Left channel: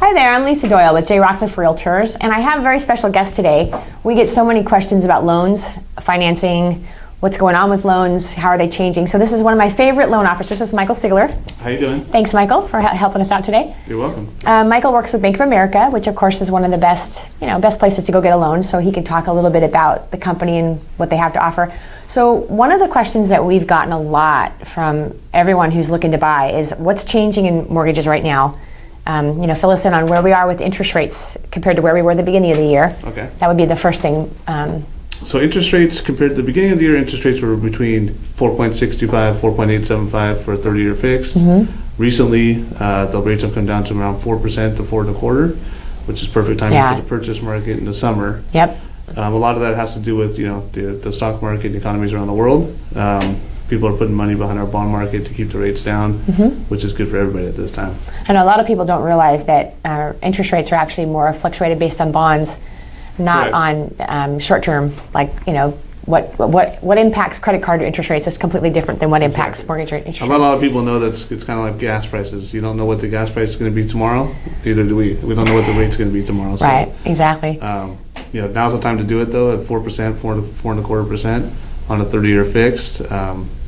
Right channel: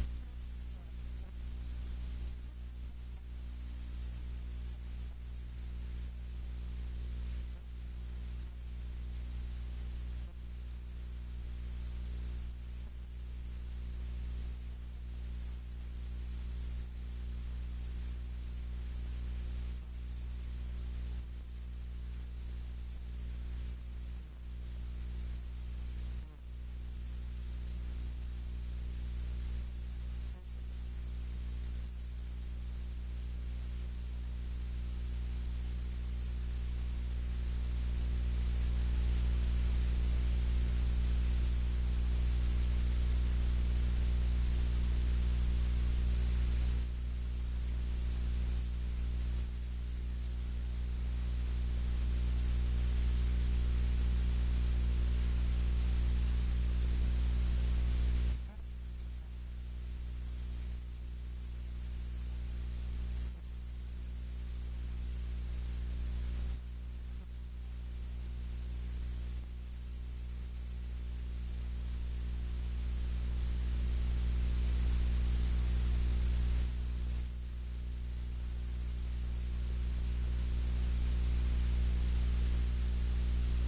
Hi there, I'm Lisa Doyle with Rockcliff Realtors, and I have a very special guest today. We get so many questions about loans, financing, what's going on with loans, how are they changing. So this is one of my favorite loan officers. This is Michael Ciglar. How you doing? Thanks, Michael, for helping us out today. You're welcome. Michael works with Bank of America, which of course is one of the best places to go get a loan. So he can talk a little bit about the company and what they have to offer. So one of the questions that we've gotten a lot from everyone who's looking to buy is what's changing in mortgages right now. Fill us in on where we are with interest rates compared to where we were at the beginning of the year. Okay. That would be the first thing. So interest rates compared to the beginning of the year, interest rates were between 4.65, 4.875 for a 30-year fixed. Mm-hmm. Recently, the rates have come down to around 4% to 4.25%, which is perfect timing for the purchase market in the summer. Yep. A lot of that has to do with the stock market and economies around the world. People are putting money behind our bond market to keep the rates down, which is good for everybody at this time. And a lot of people don't realize that interest rates are actually more fluctuated based on bonds, not on short-term, what impacts credit card interest rates is completely different than what impacts mortgage rate interest rates. A lot of people know that it's kind of like gas prices. You don't know what the gas price is going to be tomorrow, neither do we. We don't know what the rate's going to be tomorrow. So, right, exactly. Now's the time to do it though, at 4%, 4.25% on a 30-year fixed.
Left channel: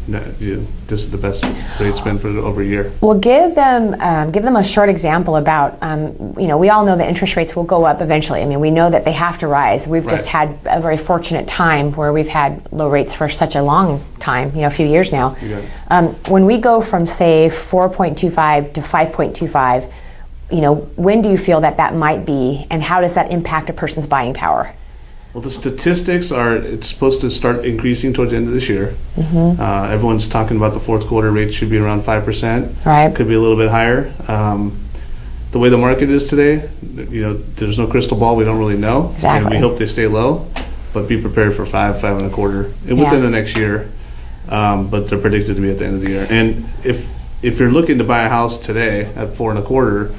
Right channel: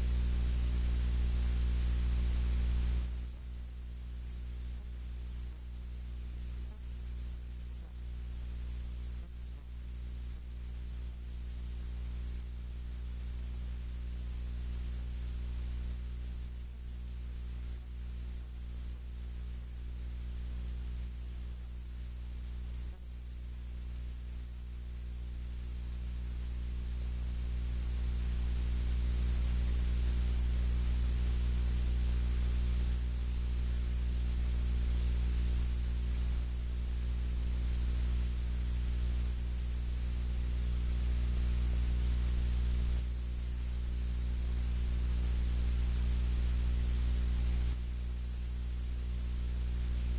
This is the best rate spent for over a year. Well, give them a short example about, we all know that interest rates will go up eventually. I mean, we know that they have to rise. We've just had a very fortunate time where we've had low rates for such a long time, a few years now. When we go from, say, 4.25 to 5.25, when do you feel that might be, and how does that impact a person's buying power? Well, the statistics are, it's supposed to start increasing towards the end of this year. Everyone's talking about the fourth quarter rate should be around 5%. Right. Could be a little bit higher. The way the market is today, there's no crystal ball. We don't really know. Exactly. And we hope they stay low, but be prepared for 5.25, and within the next year. But they're predicted to be at the end of the year. And if you're looking to buy a house today at 4.25,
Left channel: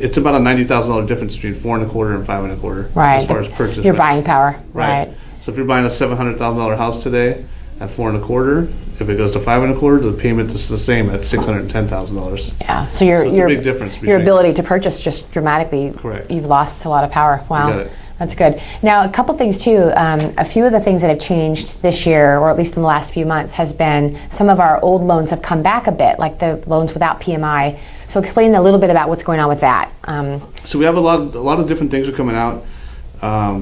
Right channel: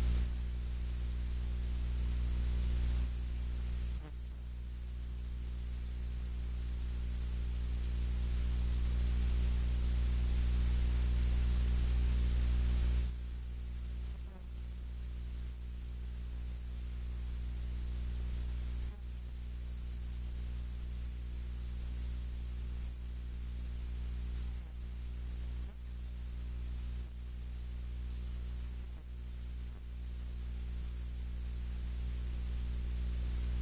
it's about a $90,000 difference between 4.25 and 5.25. Right. As far as purchase. Your buying power. Right. So if you're buying a $700,000 house today at 4.25, if it goes to 5.25, the payment is the same at $610,000. Yeah. So your a big difference. Your ability to purchase just dramatically. Correct. You've lost a lot of power. Wow. You got it. That's good. Now, a couple things too. A few of the things that have changed this year, or at least in the last few months, has been some of our old loans have come back a bit, like the loans without PMI. So explain a little bit about what's going on with that. So we have a lot of different things are coming out.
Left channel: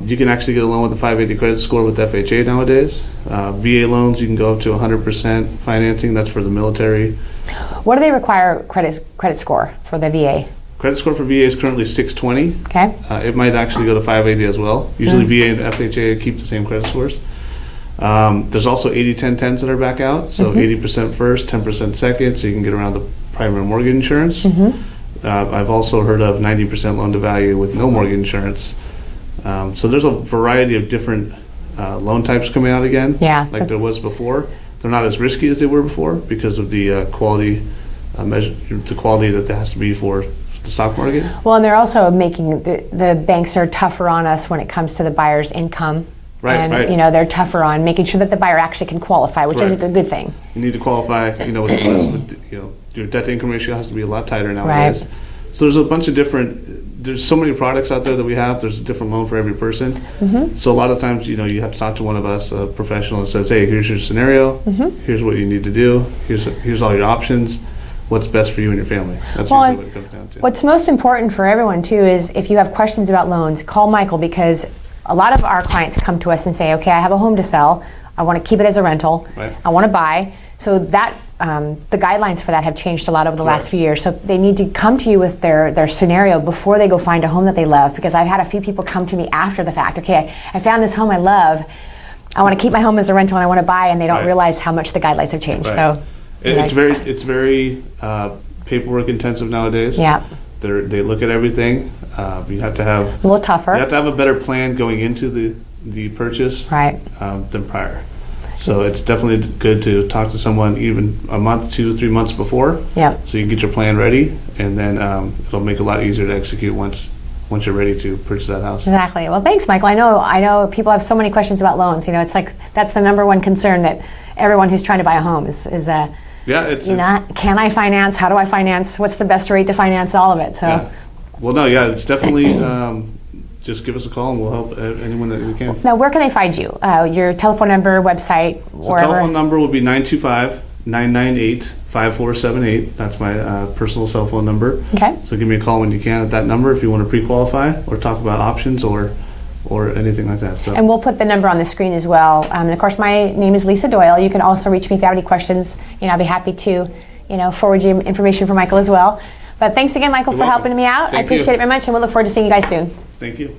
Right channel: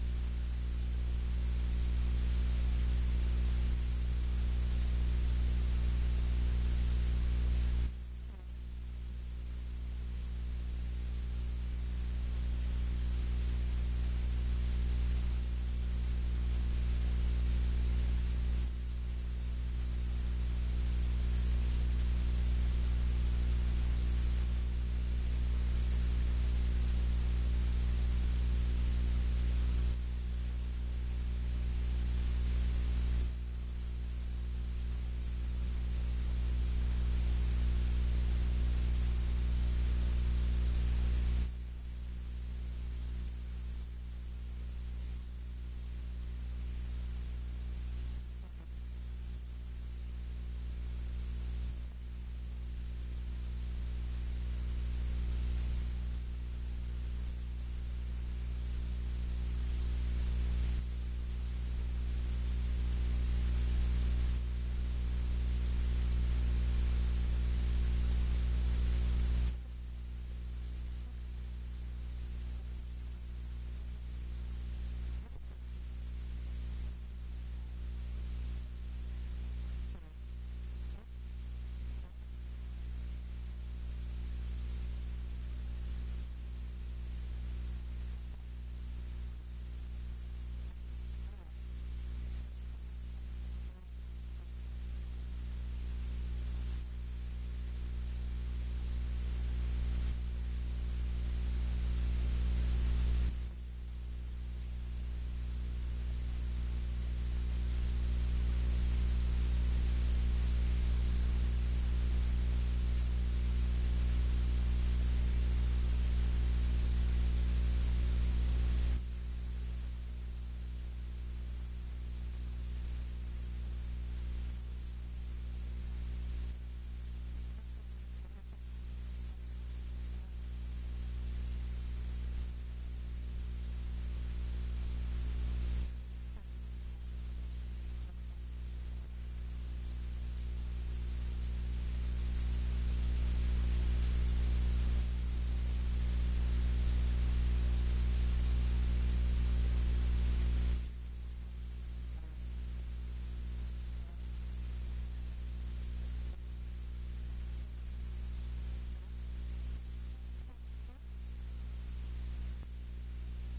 You can actually get a loan with a 580 credit score with FHA nowadays. VA loans, you can go up to 100% financing. That's for the military. What do they require credit score for the VA? Credit score for VA is currently 620. Okay. It might actually go to 580 as well. Usually VA and FHA keep the same credit scores. There's also 80-10-10s that are back out. So 80% first, 10% second, so you can get around the primary mortgage insurance. I've also heard of 90% loan to value with no mortgage insurance. So there's a variety of different loan types coming out again, like there was before. They're not as risky as they were before because of the quality the quality that there has to be for the stock market. Well, and they're also making the banks are tougher on us when it comes to the buyer's income. Right. They're tougher on making sure that the buyer actually can qualify, which is a good thing. You need to qualify, your debt to income ratio has to be a lot tighter nowadays. Right. So there's a bunch of there's so many products out there that we have. There's a different loan for every person. So a lot of times, you have to talk to one of us, a professional, that says, hey, here's your scenario. Here's what you need to do. Here's all your options. What's best for you and your family. That's usually what it comes down to. What's most important for everyone too is if you have questions about loans, call Michael, because a lot of our clients come to us and say, okay, I have a home to sell. I want to keep it as a rental. Right. I want to buy. So that the guidelines for that have changed a lot over the last few years. So they need to come to you with their scenario before they go find a home that they love, because I've had a few people come to me after the fact. Okay, I found this home I love. I want to keep my home as a rental and I want to buy, and they don't realize how much the guidelines have changed. Right. So it's very paperwork intensive nowadays. Yeah. They look at everything. You have to have a little tougher. You have to have a better plan going into the purchase than prior. So it's definitely good to talk to someone even a month, 2, 3 months before. Yeah. So you can get your plan ready, and then it'll make it a lot easier to execute once you're ready to purchase that house. Exactly. Well, thanks, Michael. I know people have so many questions about loans. It's like that's the number one concern that everyone who's trying to buy a home is can I finance? How do I finance? What's the best rate to finance? All of it. So Well, no, yeah, it's definitely, just give us a call and we'll help anyone that we can. Now, where can they find you? Your telephone number, website, So wherever? telephone number will be 925-998-5478. That's my personal cell phone number. Okay. So give me a call when you can at that number if you want to pre-qualify or talk about options or anything like that. So. And we'll put the number on the screen as well. And of course, my name is Lisa Doyle. You can also reach me if you have any questions. I'll be happy to, forward you information for Michael as well. But thanks again, Michael, for welcome. helping me out. I Thank appreciate you. it very much, and we'll look forward to seeing you guys soon. Thank you.